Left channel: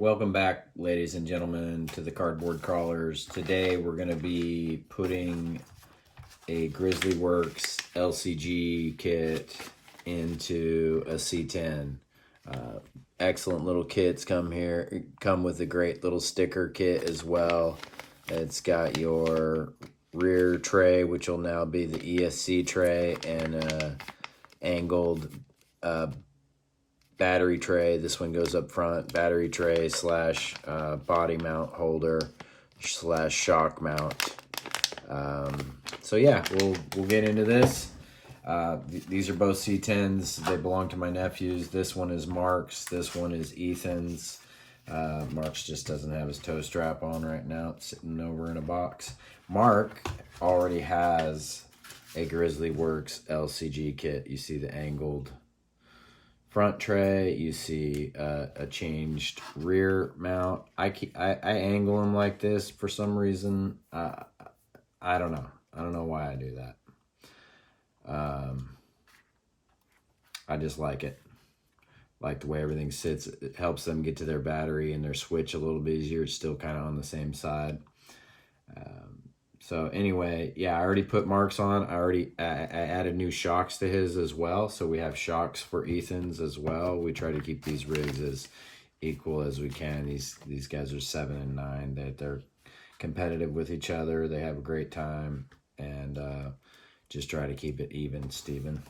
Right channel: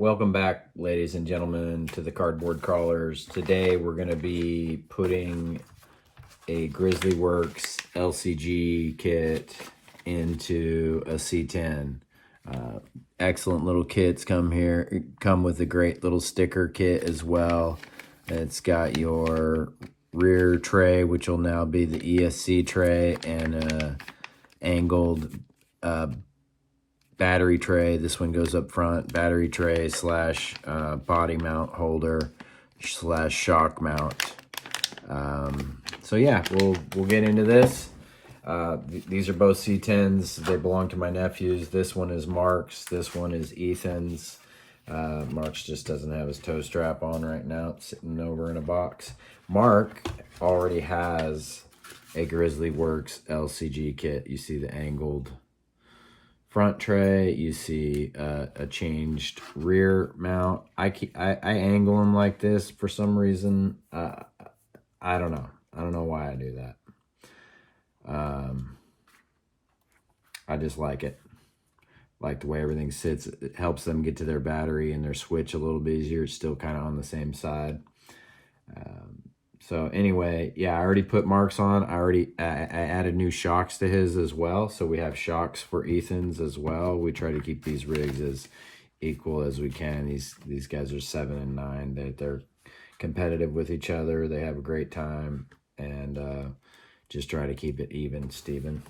Welcome back, ladies and gentlemen, to the Cardboard Crawlers. Today we're going to be putting a Grizzly Works LCG kit into a C10. Excellent little kits come with a great little sticker kit as well. It's got your rear tray, which will now be the ESC tray, and a angled battery tray. This one goes up front, battery tray slash body mount holder slash shock mount. So yeah, we'll get into this. These are both C10s. They belong to my nephews. This one is Mark's. This one is Ethan's. Mark's just doesn't have his toe strap on right now. It's sitting over in a box. Mark already has a Grizzly Works LCG kit. You see the angled front tray. You see a changed rear mount. I angle them like this for some reason. I don't know. I don't know why I do that. I just like it. Like the way everything sits. It helps them get to their battery and their switch a little bit easier. It's still kind of on the same side. So anyway, yeah, I already put Mark's on. I added new shocks to his as well. So we have shocks for Ethan's as well. We try to keep these rigs as equal as we can. These guys are 7 and 9. They're competitive with each other. They have a great time, and just try to keep it even, Steven.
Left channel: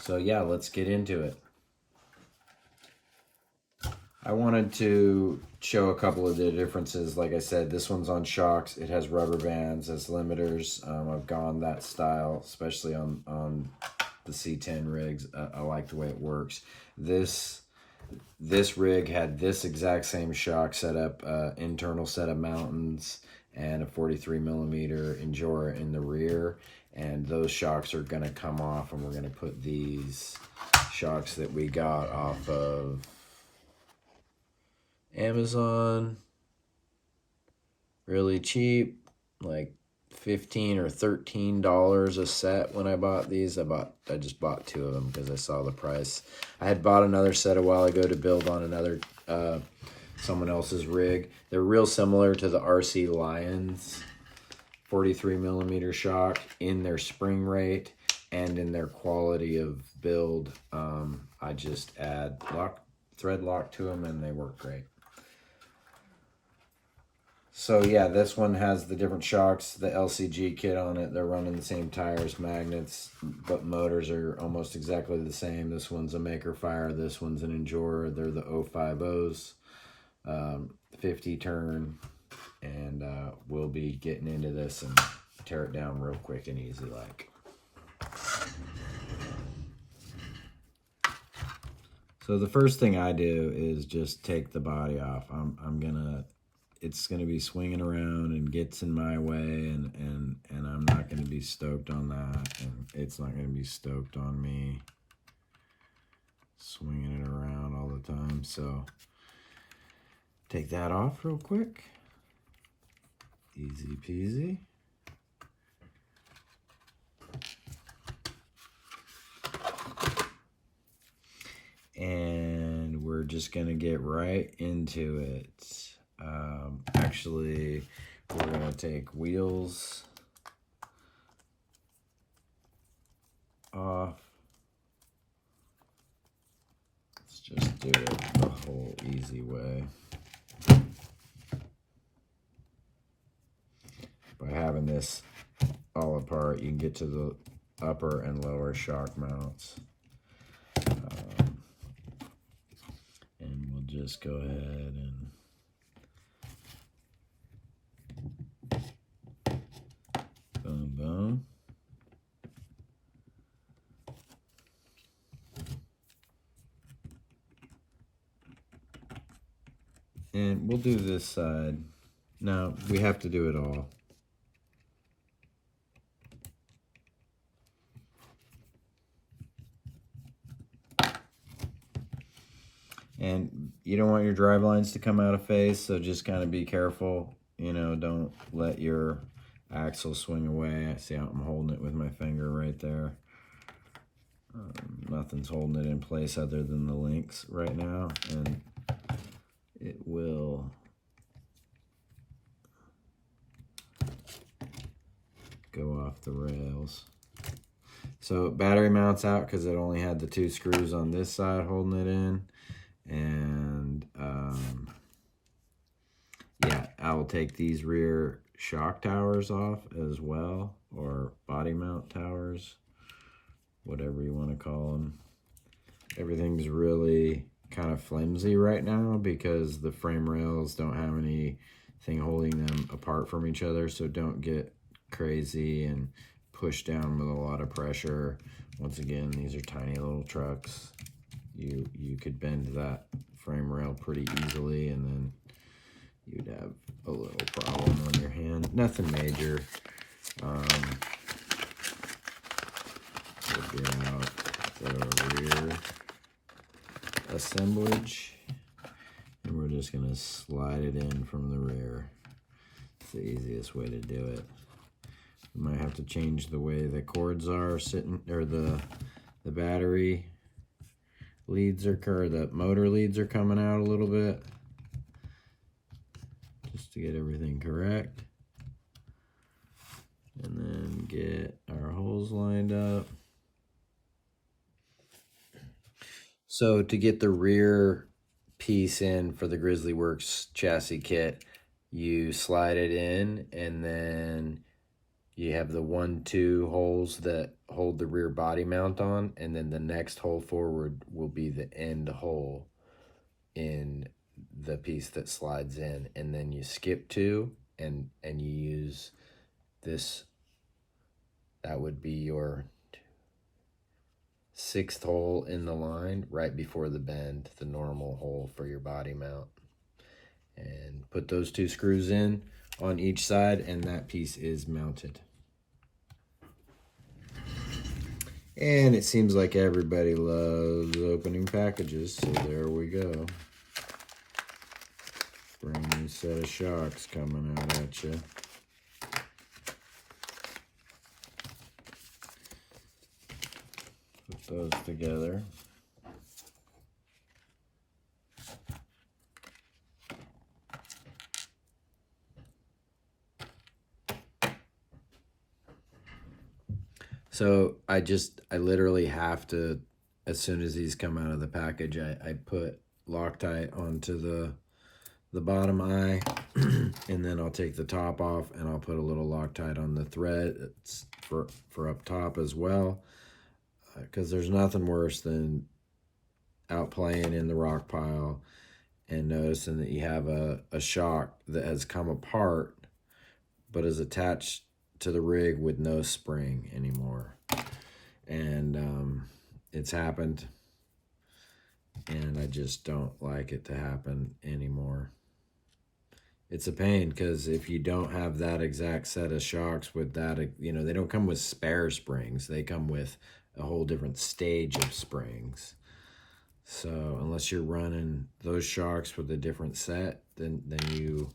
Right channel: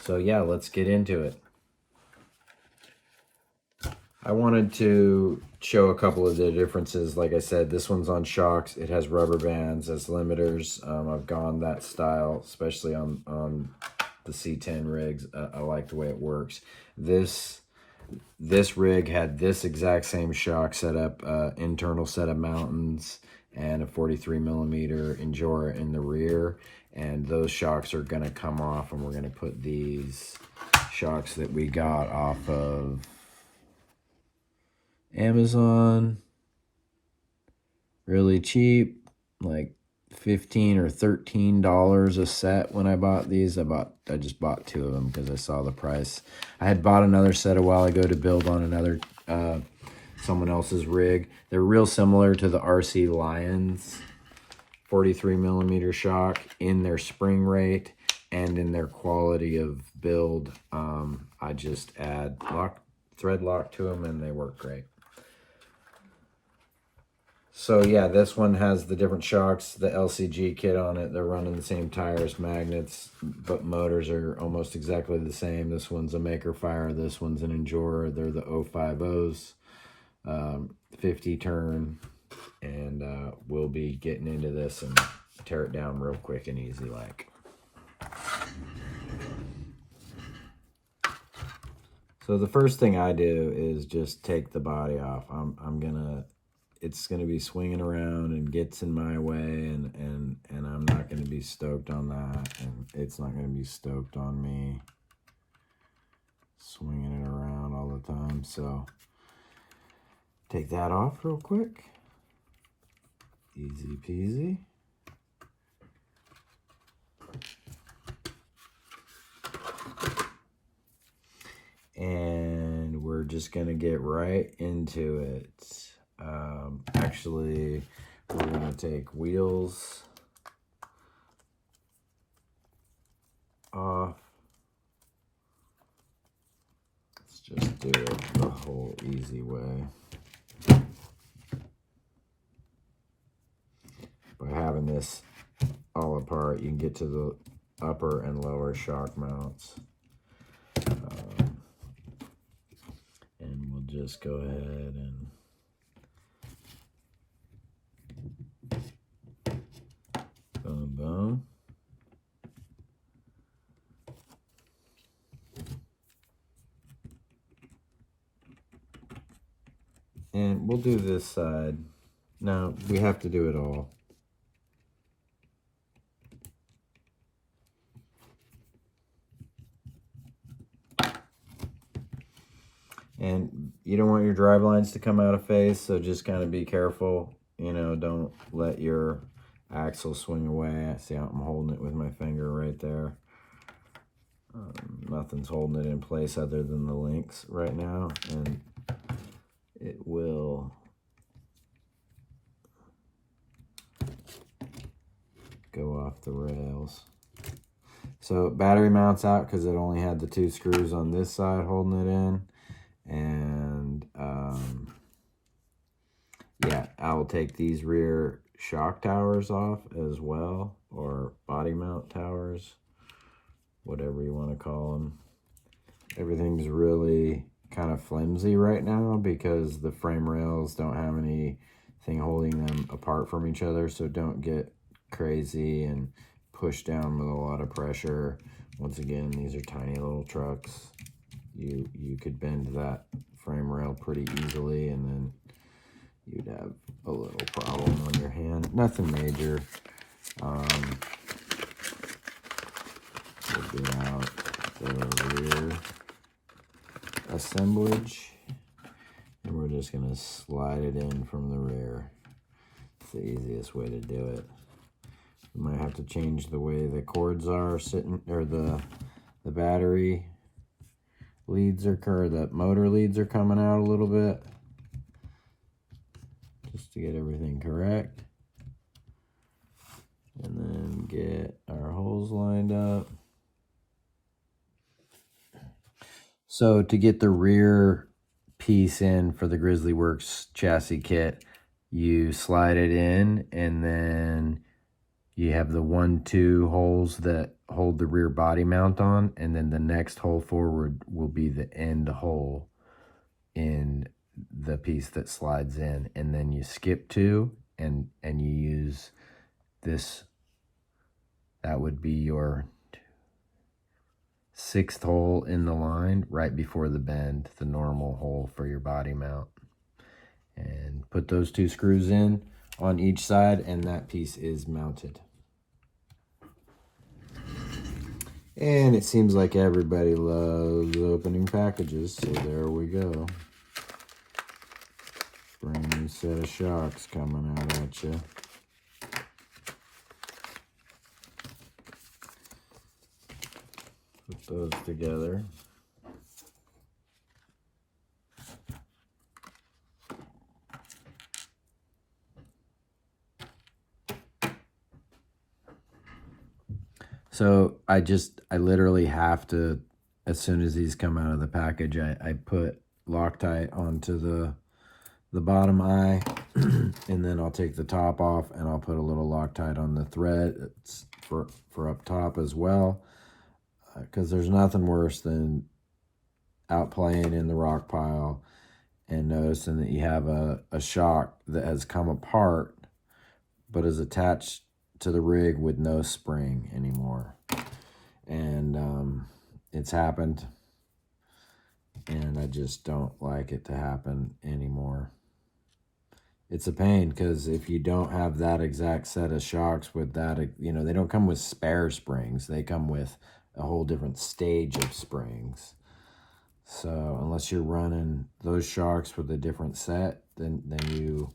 So yeah, let's get into it. I wanted to show a couple of the differences. Like I said, this one's on shocks. It has rubber bands as limiters. I've gone that style, especially on the C10 rigs. I like the way it works. This rig had this exact same shock setup, internal set of mountains, and a 43mm Injora in the rear. And those shocks are going to come off, and we're going to put these shocks that we got off of Amazon really cheap, like $15 or $13 a set. When I bought these, I just bought 2 of them because I saw the price. I had bought another set a while ago to build on another someone else's rig. They're real similar to the RC Lions 43mm shock in their spring rate and in their quality of build. I just add thread lock to them, and they work great. So yeah, this one has the different shocks, the LCG kit on it. They're running the same tires, magnets, but motors are almost exactly the same. This one's a Maker Fire. This one's an Injora. They're the 050s, 50 turn. And we'll be getting into this and tear it down real quick and easy like. So the first thing I do is just take the body off. It's gonna be swinging around and gets in my way, and I'm not gonna be stoked on that, and it's not gonna be stoked on me swinging it around all the time. So take that off real quick. Easy peasy. And we're just gonna get right into it. Actually, we're gonna take wheels off. Let's just do it the whole easy way. By having this all apart, you can get to the upper and lower shock mounts. And we'll just go ahead and boom, boom. And we'll do this side. Now, we have to do it all. And you don't want your drive lines to come out of phase, so just kind of be careful. You know, don't let your axle swing away. See how I'm holding it with my finger right there. Nothing's holding it in place other than the links right now, and it will go off the rails. So battery mounts out because it only had the 2 screws on this side holding it in. And yeah, I will take these rear shock towers off as well, or body mount towers, whatever you want to call them. Everything's really kind of flimsy right now because the frame rails don't have anything holding them apart from each other, so don't get crazy and push down with a lot of pressure. Once again, these are tiny little trucks. You could bend that frame rail pretty easily, and then you'd have a little problem on your hand. Nothing major. We'll get out the rear assemblage, and we're just going to slide it in from the rear. It's the easiest way to do it. You might have to change the way the cords are sitting, or the battery leads are, or the motor leads are coming out a little bit, just to get everything correct. And then get our holes lined up. So to get the rear piece in for the Grizzly Works chassis kit, you slide it in, and then you have the 1-2 holes that hold the rear body mount on, and then the next hole forward will be the end hole in the piece that slides in. And then you skip 2 and you use this. That would be your 6th hole in the line right before the bend, the normal hole for your body mount. And put those 2 screws in on each side, and that piece is mounted. And it seems like everybody loves opening packages, so there we go. Brand new set of shocks coming out at you. Put those together. So I literally have to, as soon as these come out of the package, I put Loctite onto the bottom eye, and then I'll take the top off and I'll put a little Loctite on the thread for up top as well, because there's nothing worse than out playing in the rock pile and noticing that you have a shock that has come apart but is attached to the rig with no spring anymore. And it's happened, and I just don't like it to happen anymore. It's a pain, because if you don't have that exact set of shocks with that, you know, they don't come with spare springs. They come with a whole different stage of springs. So unless you're running those shocks with a different set, then you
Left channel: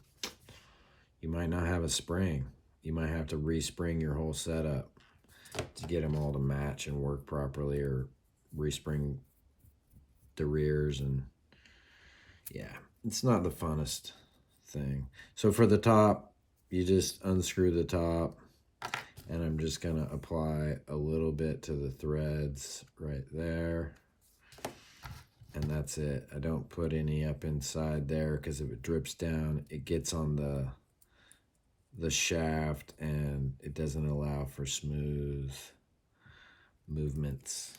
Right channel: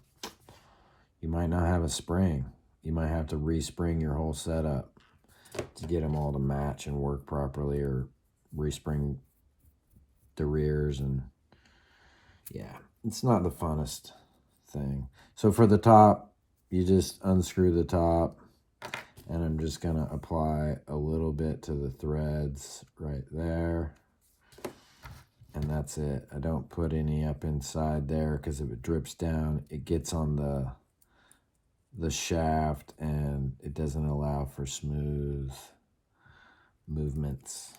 might not have a spring. You might have to respring your whole setup to get them all to match and work properly, or respring the rears. And yeah, it's not the funnest thing. So for the top, you just unscrew the top, and I'm just going to apply a little bit to the threads right there, and that's it. I don't put any up inside there, because if it drips down, it gets on the shaft, and it doesn't allow for smooth movements.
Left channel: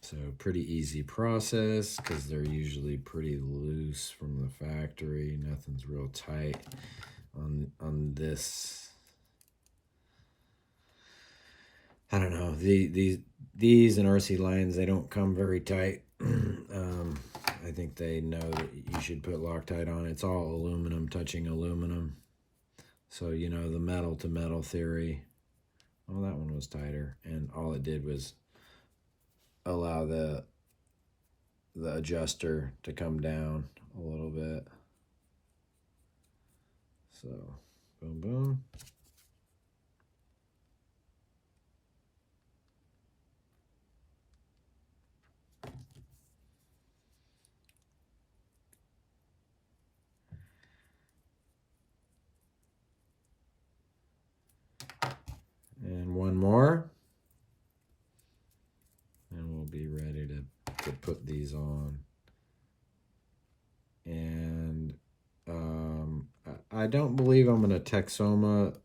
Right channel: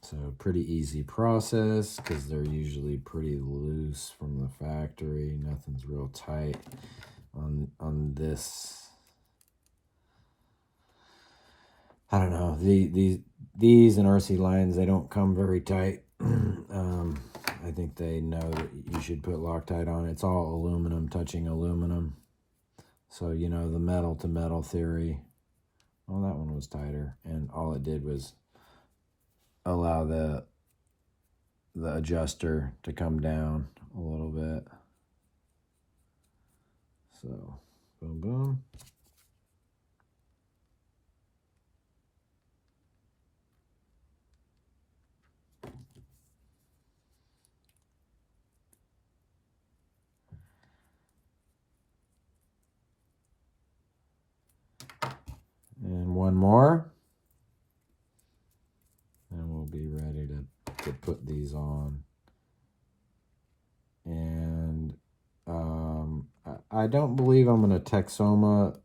So pretty easy process, because they're usually pretty loose from the factory. Nothing's real tight on this. I don't know, these and RC lines, they don't come very tight. I think they know that you should put Loctite on. It's all aluminum touching aluminum. So, you know, the metal to metal theory. Well, that one was tighter, and all it did was allow the adjuster to come down a little bit. So, boom, boom. to put these on. And I don't believe I'm going to Texoma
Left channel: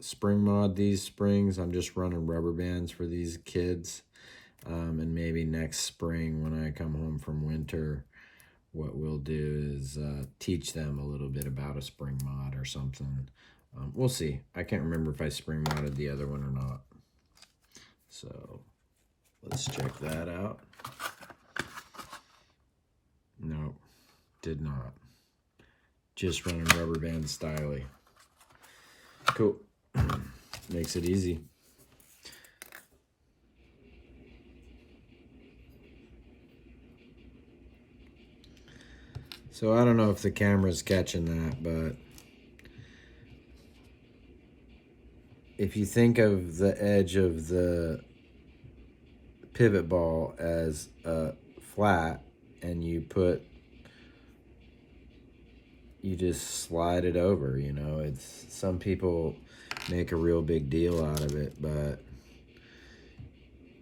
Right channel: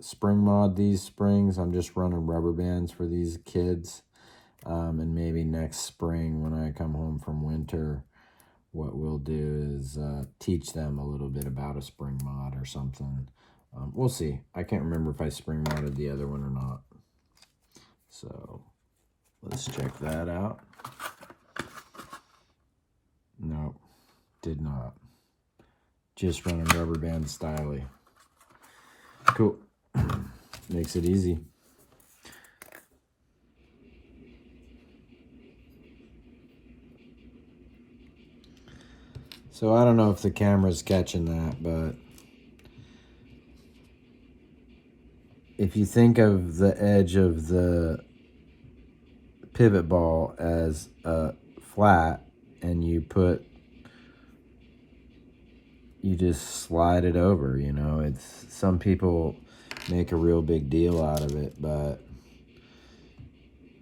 spring mod these springs. I'm just running rubber bands for these kids. And maybe next spring when I come home from winter, what we'll do is teach them a little bit about a spring mod or something. We'll see. I can't remember if I spring modded the other one or not. So let's check that out. Nope, did not. Just running rubber band styly. Cool. Makes it easy. So I don't know if the camera's catching that, but if you think of the edge of the pivot ball as flat, and you just slide it over, you know, some people make a real big deal out of it, but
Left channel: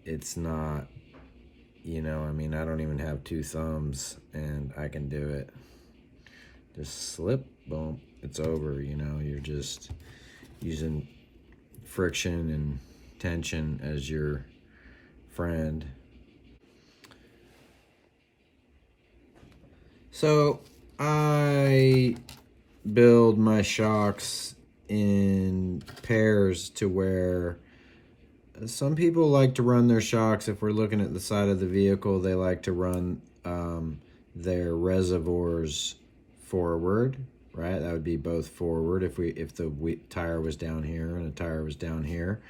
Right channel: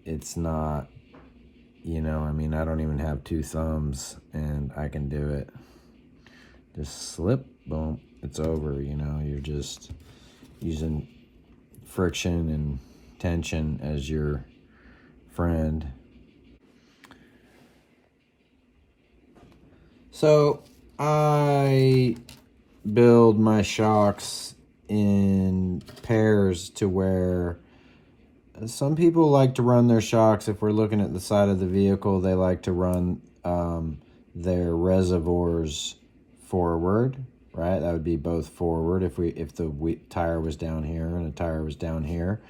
it's not, you know, I mean, I don't even have 2 thumbs and I can do it. Just slip, boom, it's over, you know. You're just using friction and tension as your friend. So I build my shocks in pairs to where some people like to run their shocks. If we're looking at the side of the vehicle, they like to run their reservoirs forward, right? That would be both forward if the tire was down here and the tire was down here.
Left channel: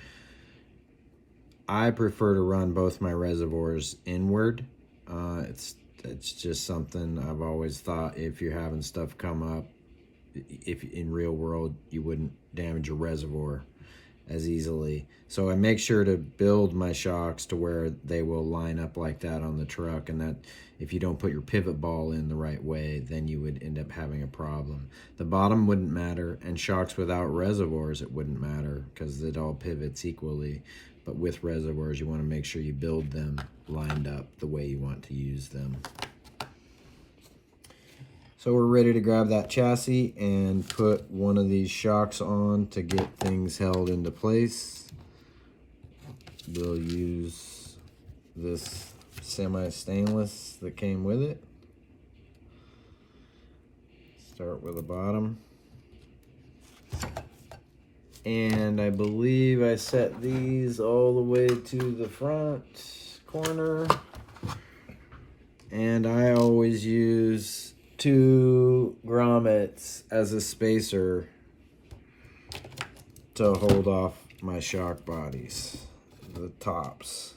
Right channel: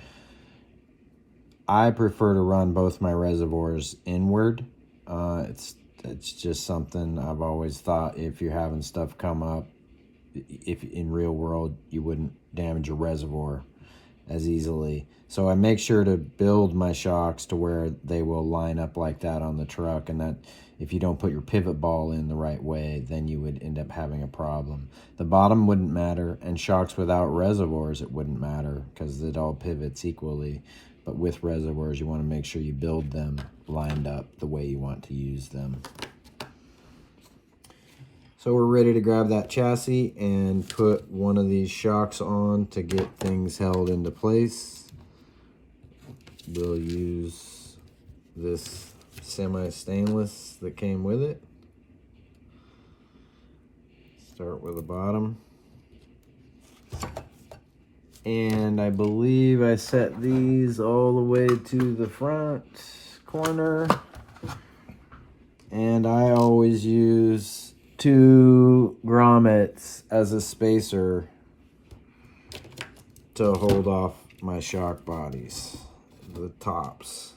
I prefer to run both my reservoirs inward. It's just something I've always thought. If you're having stuff come up, if in real world, you wouldn't damage your reservoir as easily. So I make sure to build my shocks to where they will line up like that on the truck, and that if you don't put your pivot ball in the right way, then you would end up having a problem. The bottom wouldn't matter, and shocks without reservoirs, it wouldn't matter because it all pivots equally. But with reservoirs, you want to make sure you build them lined up the way you want to use them. So we're ready to grab that chassis and put one of these shocks on to get things held into place. We'll use this semi-stainless that came with it. Start with the bottom. And I believe I set these all the way to the front corner. And I always use 2 grommets as a spacer to hold off my shock bodies, the tops.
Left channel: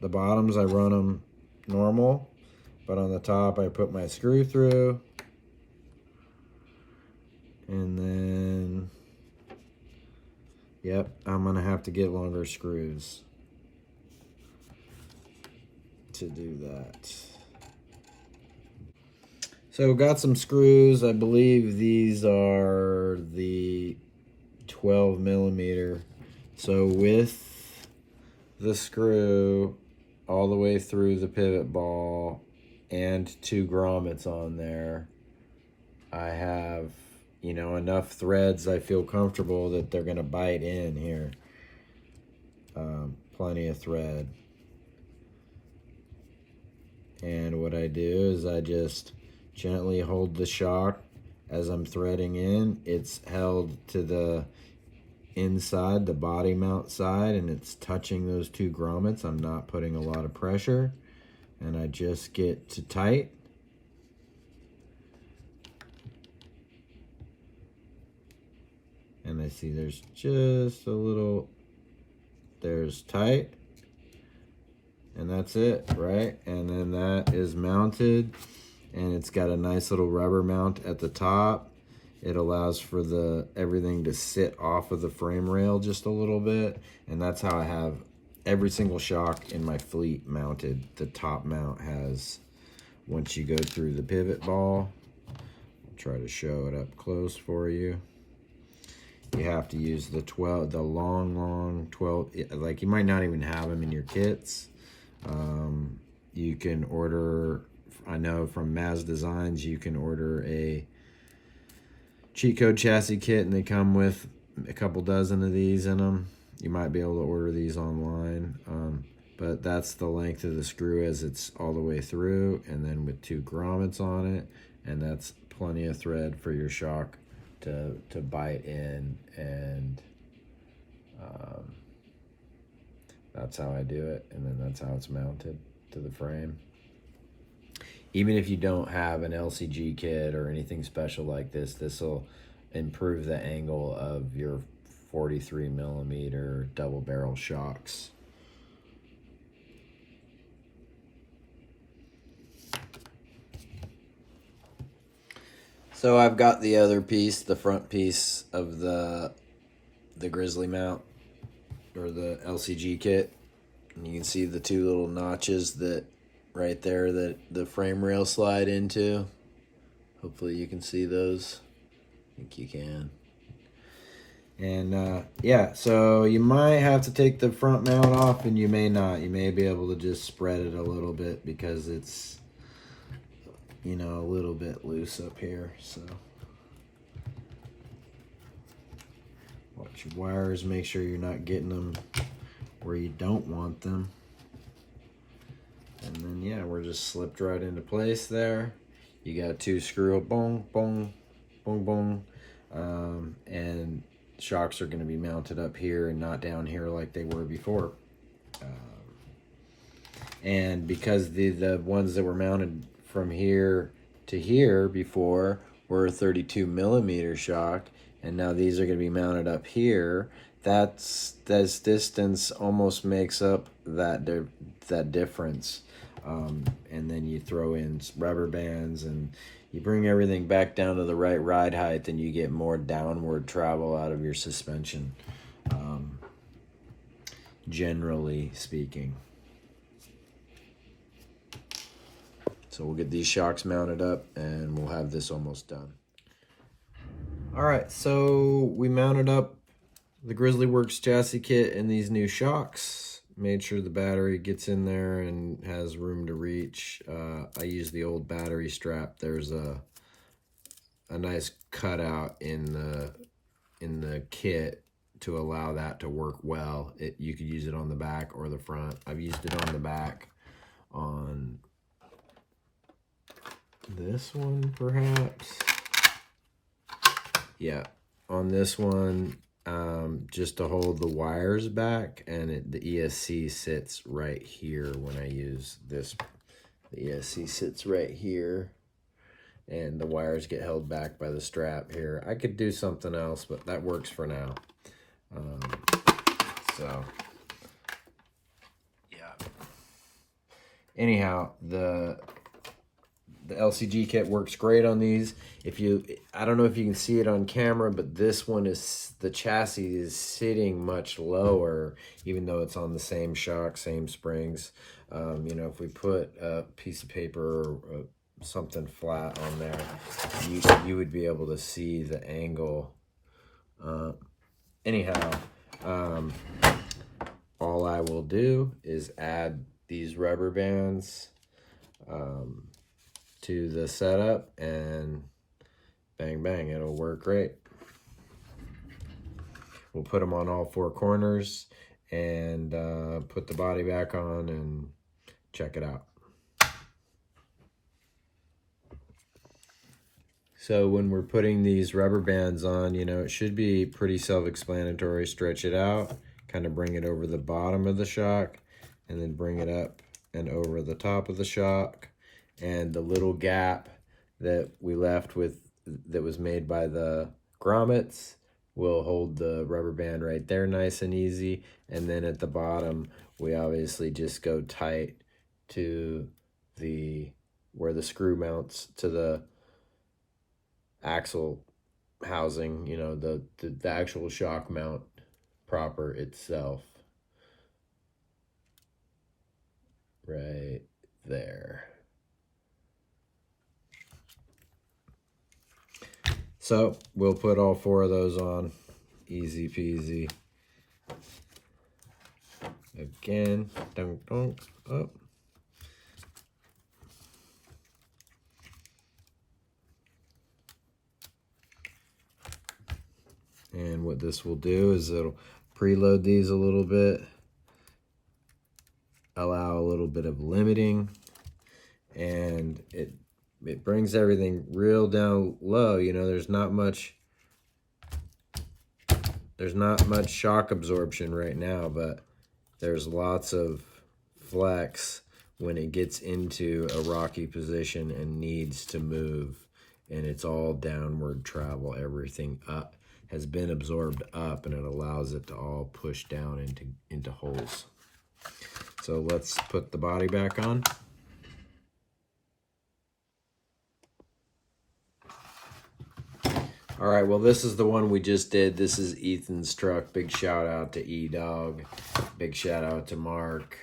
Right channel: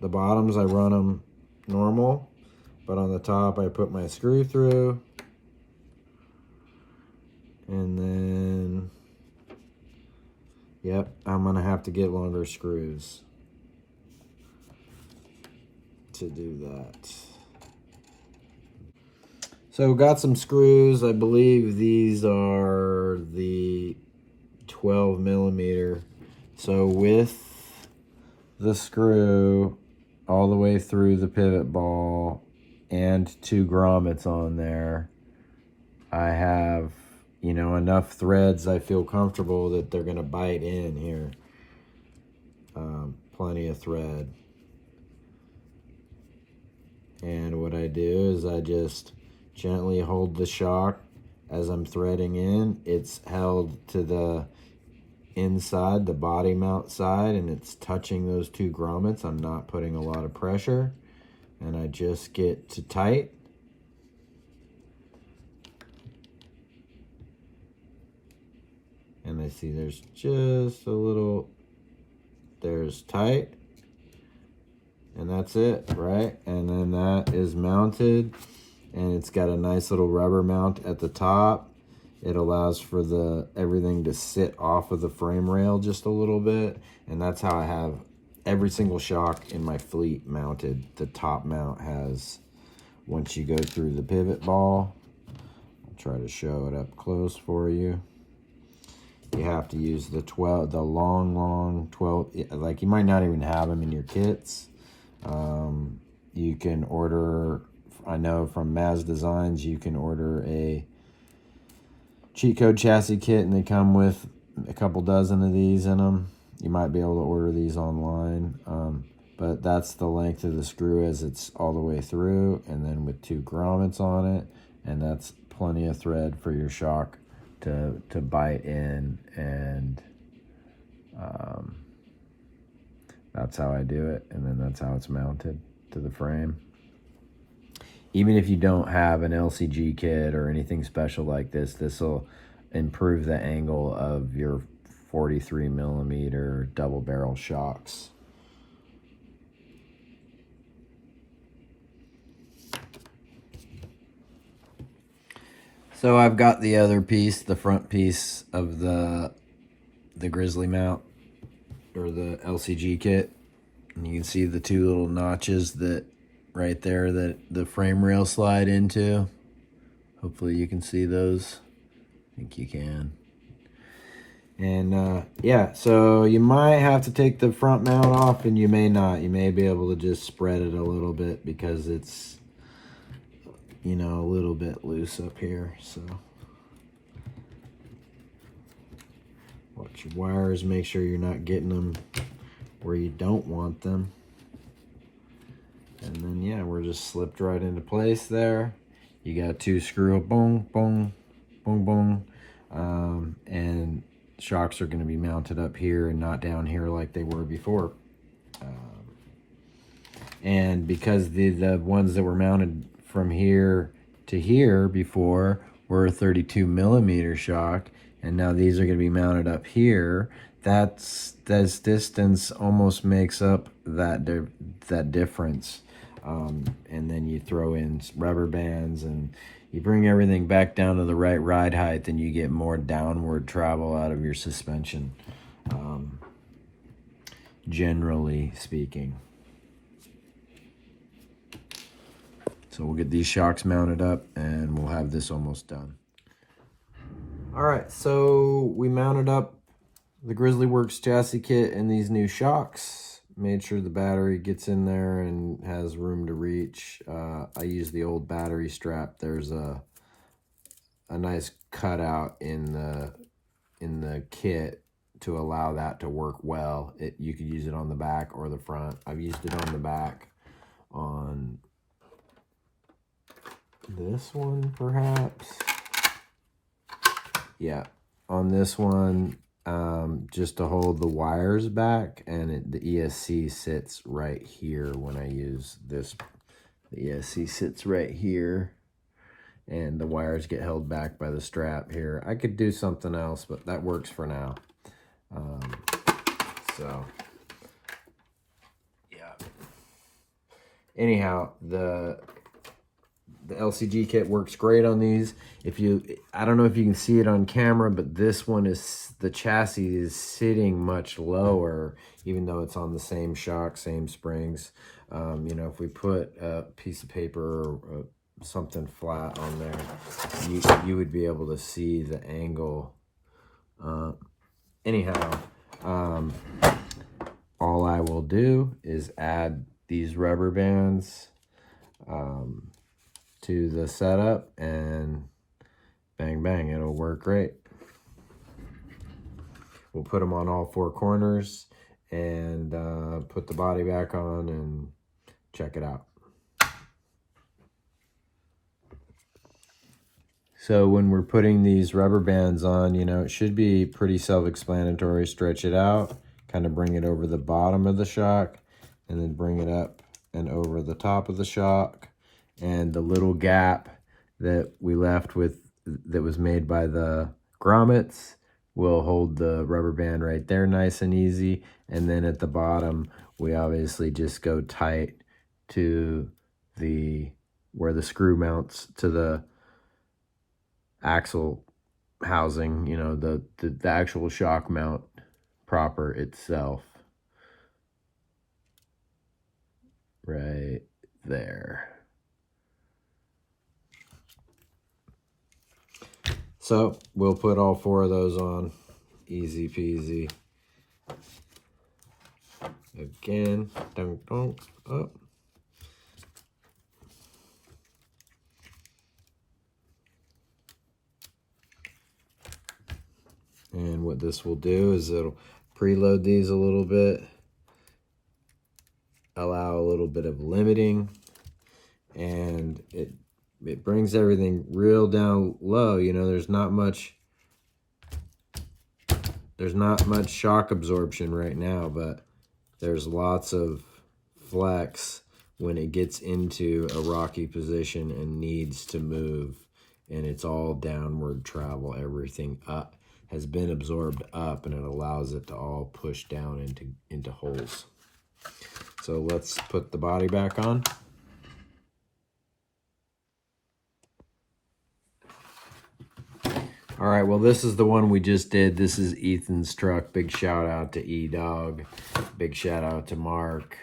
The bottoms, I run them normal, but on the top I put my screw through, and then, yep, I'm gonna have to get longer screws to do that. So got some screws. I believe these are the 12 millimeter. So with the screw all the way through the pivot ball and 2 grommets on there, I have, you know, enough threads I feel comfortable that they're gonna bite in here. Plenty of thread. And what I do is I just gently hold the shock as I'm threading in. It's held to the inside, the body mount side, and it's touching those 2 grommets. I'm not putting a lot of pressure, and I just get to tight. And I see there's just a little, there's tight, and that's it, right? And then that is mounted, and it's got a nice little rubber mount at the top. It allows for everything to sit off of the frame rail just a little bit, and that's how I have every single shock in my fleet mounted. The top mount has, once you go through the pivot ball, I'll try to show it up close for you. You have to use the long 12, like you might not even have them in your kits. You can order, I know from Maz Designs, you can order a cheat code chassis kit, and they come with a couple dozen of these in them. You might be able to order these online, but that's the length of the screw as it's all the way through, and then with 2 grommets on it, and that's plenty of thread for your shock to bite in, and that's how I do it, and then that's how it's mounted to the frame. Even if you don't have an LCG kit or anything special like this, this will improve the angle of your 43mm double barrel shocks. So I've got the other piece, the front piece of the Grizzly mount, or the LCG kit. And you can see the 2 little notches that right there that the frame rail slide into. Hopefully you can see those. I think you can. And yeah, so you might have to take the front mount off, and you may not. You may be able to just spread it a little bit because it's, you know, a little bit loose up here. So watch your wires, make sure you're not getting them where you don't want them. And then yeah, we're just slipped right into place there. You got 2 screw, boom, boom, boom, boom. And shocks are going to be mounted up here and not down here like they were before. And because the ones that were mounted from here to here before were a 32mm shock, and now these are going to be mounted up here, this distance almost makes up that difference. And then you throw in rubber bands, and you bring everything back down to the right ride height, and you get more downward travel out of your suspension, generally speaking. So we'll get these shocks mounted up, and we'll have this almost done. All right, so we mounted up the Grizzly Works chassis kit and these new shocks. Made sure the battery gets in there and has room to reach. I use the old battery strap. There's a nice cutout in the kit to allow that to work well. You could use it on the back or the front. I've used it on the back on this one, perhaps. Yeah, on this one, just to hold the wires back, and the ESC sits right here when I use this. The ESC sits right here, and the wires get held back by the strap here. I could do something else, but that works for now. So yeah. Anyhow, the LCG kit works great on these. I don't know if you can see it on camera, but this one the chassis is sitting much lower, even though it's on the same shock, same springs. You know, if we put a piece of paper or something flat on there, you would be able to see the angle. Anyhow, all I will do is add these rubber bands to the setup, and bang bang, it'll work great. We'll put them on all 4 corners and put the body back on and check it out. So when we're putting these rubber bands on, you know, it should be pretty self-explanatory. Stretch it out, kind of bring it over the bottom of the shock, and then bring it up and over the top of the shock. And the little gap that we left with, that was made by the grommets, will hold the rubber band right there nice and easy. And then at the bottom, we obviously just go tight to where the screw mounts to the axle housing, you know, the actual shock mount proper itself. Right there. So we'll put all 4 of those on, easy peasy. Again, dunk, dunk, up. And what this will do is it'll preload these a little bit, allow a little bit of limiting, and it brings everything real down low. You know, there's not much shock absorption right now, but there's lots of flex when it gets into a rocky position and needs to move, and it's all downward travel. Everything up has been absorbed up, and it allows it to all push down into holes. So let's put the body back on. All right, well, this is the one we just did. This is Ethan's truck. Big shout out to E-Dog. Big shout out to Mark.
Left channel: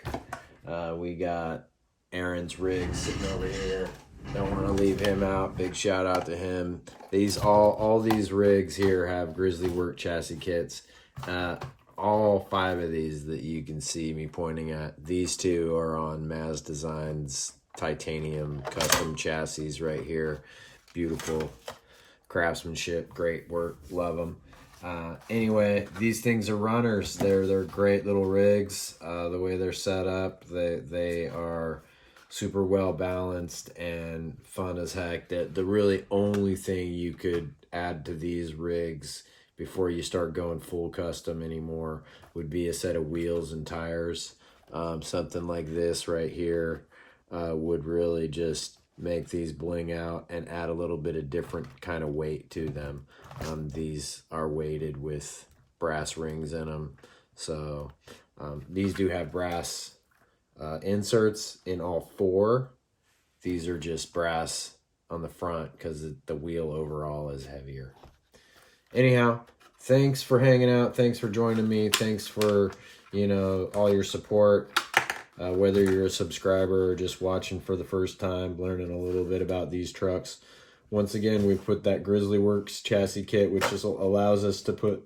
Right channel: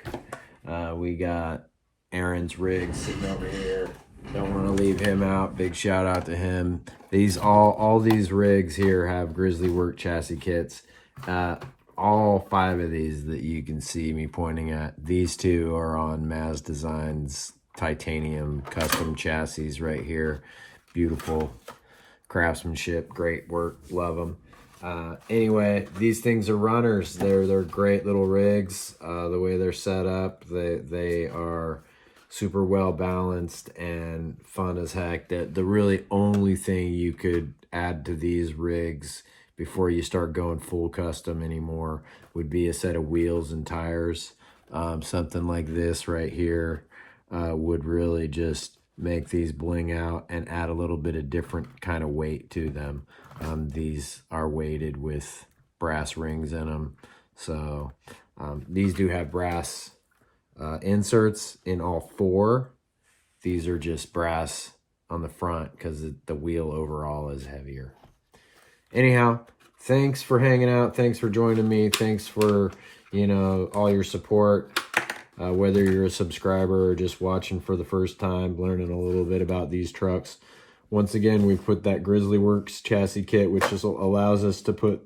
We got Aaron's rig sitting over here. Don't want to leave him out. Big shout out to him. All these rigs here have Grizzly Work chassis kits. All 5 of these that you can see me pointing at, these 2 are on Maz Designs titanium custom chassis right here. Beautiful craftsmanship, great work, love them. Anyway, these things are runners. They're great little rigs. The way they're set up, they are super well balanced and fun as heck. The really only thing you could add to these rigs before you start going full custom anymore would be a set of wheels and tires. Something like this right here would really just make these bling out and add a little bit of different kind of weight to them. These are weighted with brass rings in them. So these do have brass inserts in all 4. These are just brass on the front because the wheel overall is heavier. Anyhow, thanks for hanging out. Thanks for joining me. Thanks for, you know, all your support. Whether you're a subscriber or just watching for the first time, learning a little bit about these trucks. Once again, we put that Grizzly Works chassis kit, which just allows us to put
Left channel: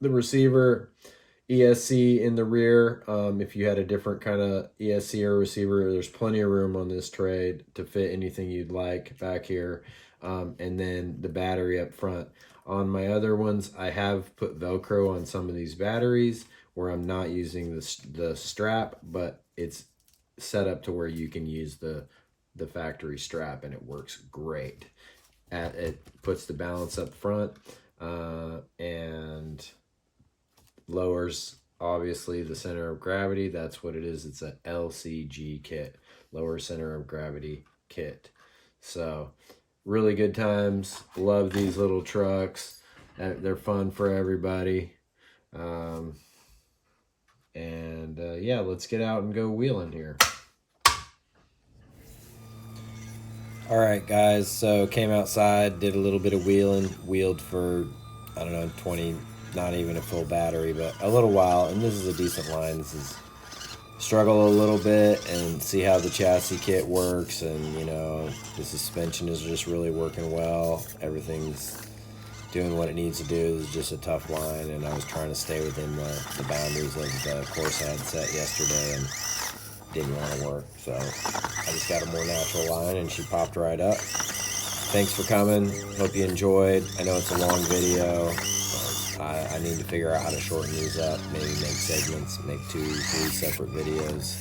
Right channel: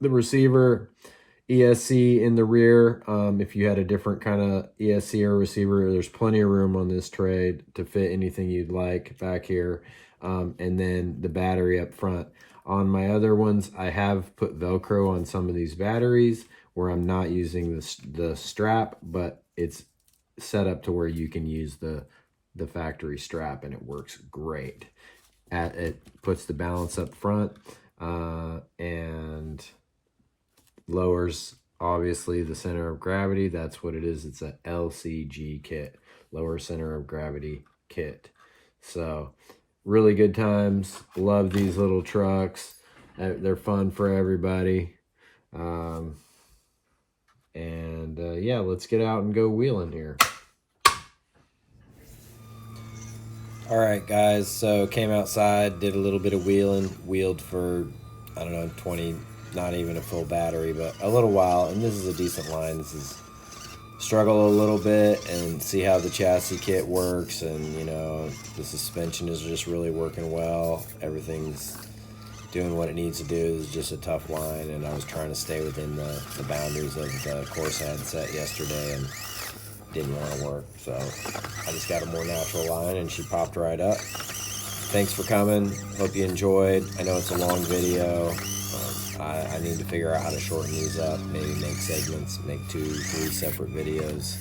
the receiver ESC in the rear. If you had a different kind of ESC or receiver, there's plenty of room on this tray to fit anything you'd like back here. And then the battery up front. On my other ones, I have put Velcro on some of these batteries where I'm not using the strap, but it's set up to where you can use the factory strap, and it works great. It puts the balance up front and lowers, obviously, the center of gravity. That's what it is. It's a LCG kit, lower center of gravity kit. So really good times. Love these little trucks. They're fun for everybody. Yeah, let's get out and go wheeling here. All right, guys, so came outside, did a little bit of wheeling, wheeled for, I don't know, 20, not even a full battery, but a little while, and this is a decent line. This is struggle a little bit and see how the chassis kit works, and, you know, the suspension is just really working well. Everything's doing what it needs to do. Is just a tough line, and I was trying to stay within the boundaries of the course I had set yesterday, and didn't want to work. So I just got a more natural line, and she popped right up. Thanks for coming. Hope you enjoyed. I know it's a long video. I need to figure out how to shorten these up, maybe make segments, make 2, 3 separate videos.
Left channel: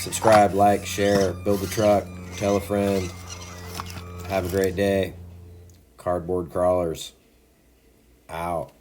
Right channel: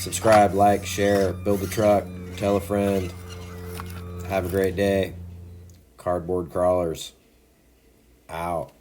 Subscribe, like, share, build a truck, tell a friend. Have a great day. Cardboard crawlers out.